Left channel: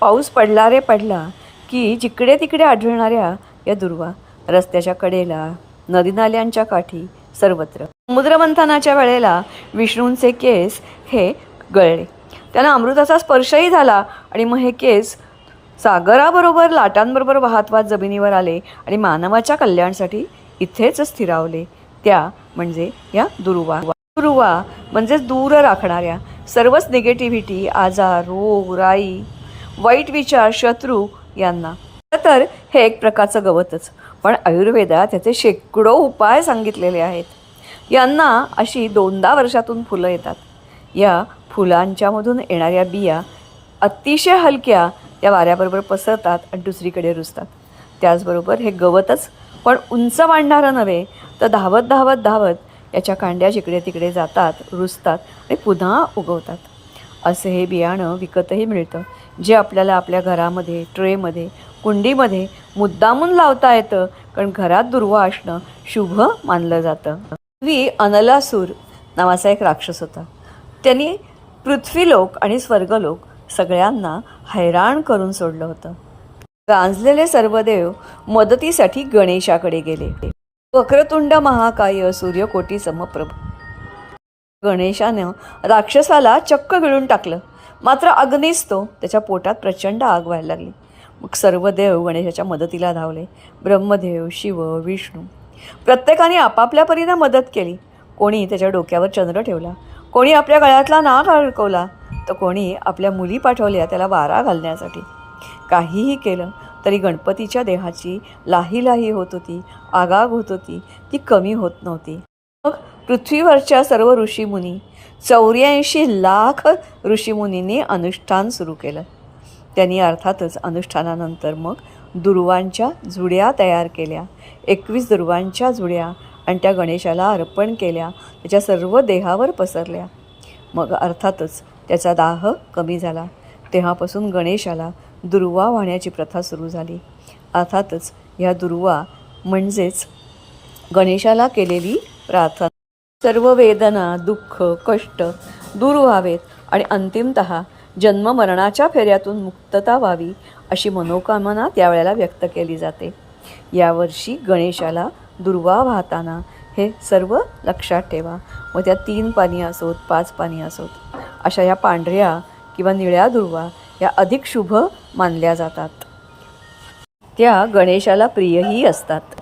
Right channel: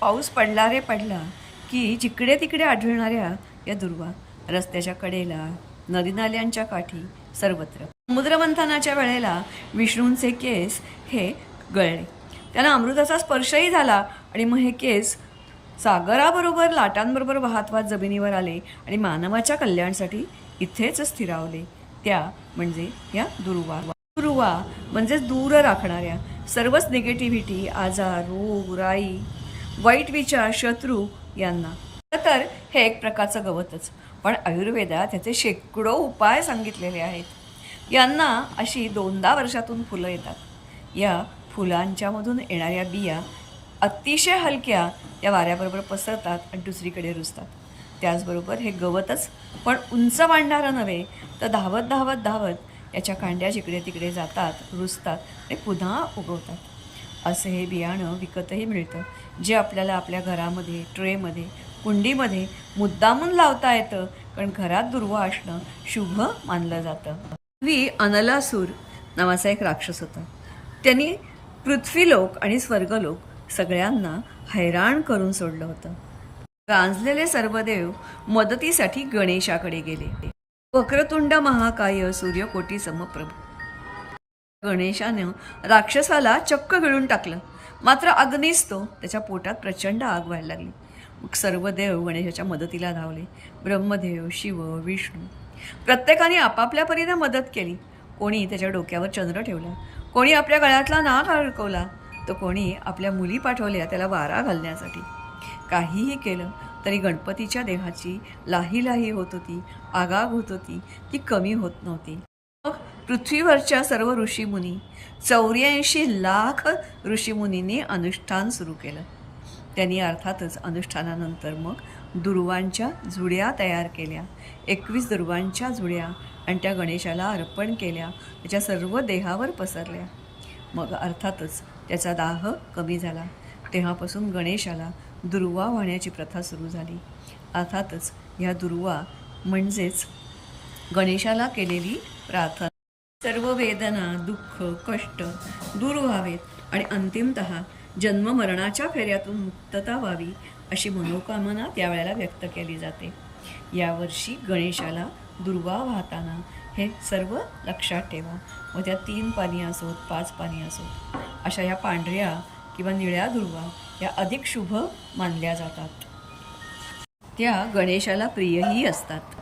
पाऊस पडला रे पडला की जिकडे तिकडे आढळणाऱ्या या दुर्वा रस्त्याच्या कडेला, नदी नाल्यांच्या काठी, सर्वत्र. समुद्रमंथनाच्या वेळेला विष्णूंचे केस हे गळले. त्यांना अमृताचा स्पर्शही झाला आणि मग हे केस सागराबरोबर लाटांबरोबर वाहत वाहत जमिनीवर आले आणि मानवाच्या कल्याणासाठी इथेच स्थिरावले. त्या म्हणजे या दुर्वा. दुर्वा म्हणजे दूर राखणाऱ्या सर्वच निगेटिव्हिटी, आजार, रोग, राई, वाईट विचार, शत्रू यांना. तर हे एक प्रकारचं गवतच, पण आयुर्वेदात त्याचे शेकडो उपाय सांगितलेले आहेत. यांना अशी 2दा वर्षातून फुलं येतात. या फुलांच्यामधून येणाऱ्या बिया अतिशय हलक्या या वाऱ्याबरोबर पसरतात आणि दुसरीकडे रुजतात. त्याचबरोबर हे गवतच पण उंच वाढणारं नव्हे, तर धावत धावत धावत याच्या कांड्या जिकडे तिकडे जातात, रुजतात आणि पुन्हा उगवतात. असे हे बियाणं विकतही मिळतं, जे आपल्याला आपल्या घरामध्ये, ट्रेमध्ये, कुंडीमध्ये मुद्दामून लावता येतं, कारण घरात दुर्वा असणं शुभ मानलं जातं. पूर्वी अनलासूर नावाचा एक राक्षस होता. त्यांनी पृथ्वीलोक आणि स्वर्गलोक सगळ्यांना हैराण करून सोडलं होतं. गांजलेले सर्व देव मदतीसाठी गणेशाकडे गेले. वक्रतुंड महाकाय सूर्यकोटी समप्रभ. गणेशानं राक्षसाला चक्क गिळून टाकलं. मात्र अग्नीच तो त्याच्या पोटात प्रचंड आग व्हायला लागली. मग सर्व देव गणेशाच्या मदतीला धावले. ब्रह्मदेव, शिव, विष्णू प्रत्येकाने आपापल्या परीने मदत केली. कोणी त्याच्या डोक्यावर चंद्र ठेवला, कोणी आपल्या गळ्यातला नाग अडकवला, तर कोणी आपल्या मुली पाठवल्या त्याला वारा घालण्यासाठी. काहीही केलं तरी गणपतीच्या देहाची लाही लाही होत होती, आगाग होत होती, ती कमी होत नव्हती. मग पृथ्वीवरच्या सर्व ऋषीमुनी 84 लाख ऋषीमुनींनी अनुष्ठान सुरू केलं. त्यांनी अर्थातच अनुष्ठानानंतर मग दुर्वांच्या जुड्या तयार केल्या. 21 दुर्वांच्या जुड्या आणि त्या गणेशाला अर्पण केल्या, त्याच्या सर्व देहावर पसरल्या. मग अर्थातच त्याचा दाह कमी झाला. तेव्हापासून गणेशाला दुर्वा वाहण्याची प्रथा सुरू झाली. अर्थातच ह्या दुर्वा म्हणजेच गणेशाला केलेली प्रार्थना. सर्व वेदना, दुःख, कष्ट दूर व्हावेत आणि अंतिमतः जन्ममरणाच्या फेऱ्यातून मुक्तता व्हावी अशी मनोकामना त्यावेळेला व्यक्त केली जाते. यावर्षी गणेशाला दुर्वा वाहताना हे सर्व लक्षात ठेवा. मग त्या 3 पानी असोत, 5 पानी असोत, अशा या पांढऱ्या किंवा निळ्या दुर्वा या अधिक शुभ मानल्या जातात. त्या गणेशाला प्रियही असतात.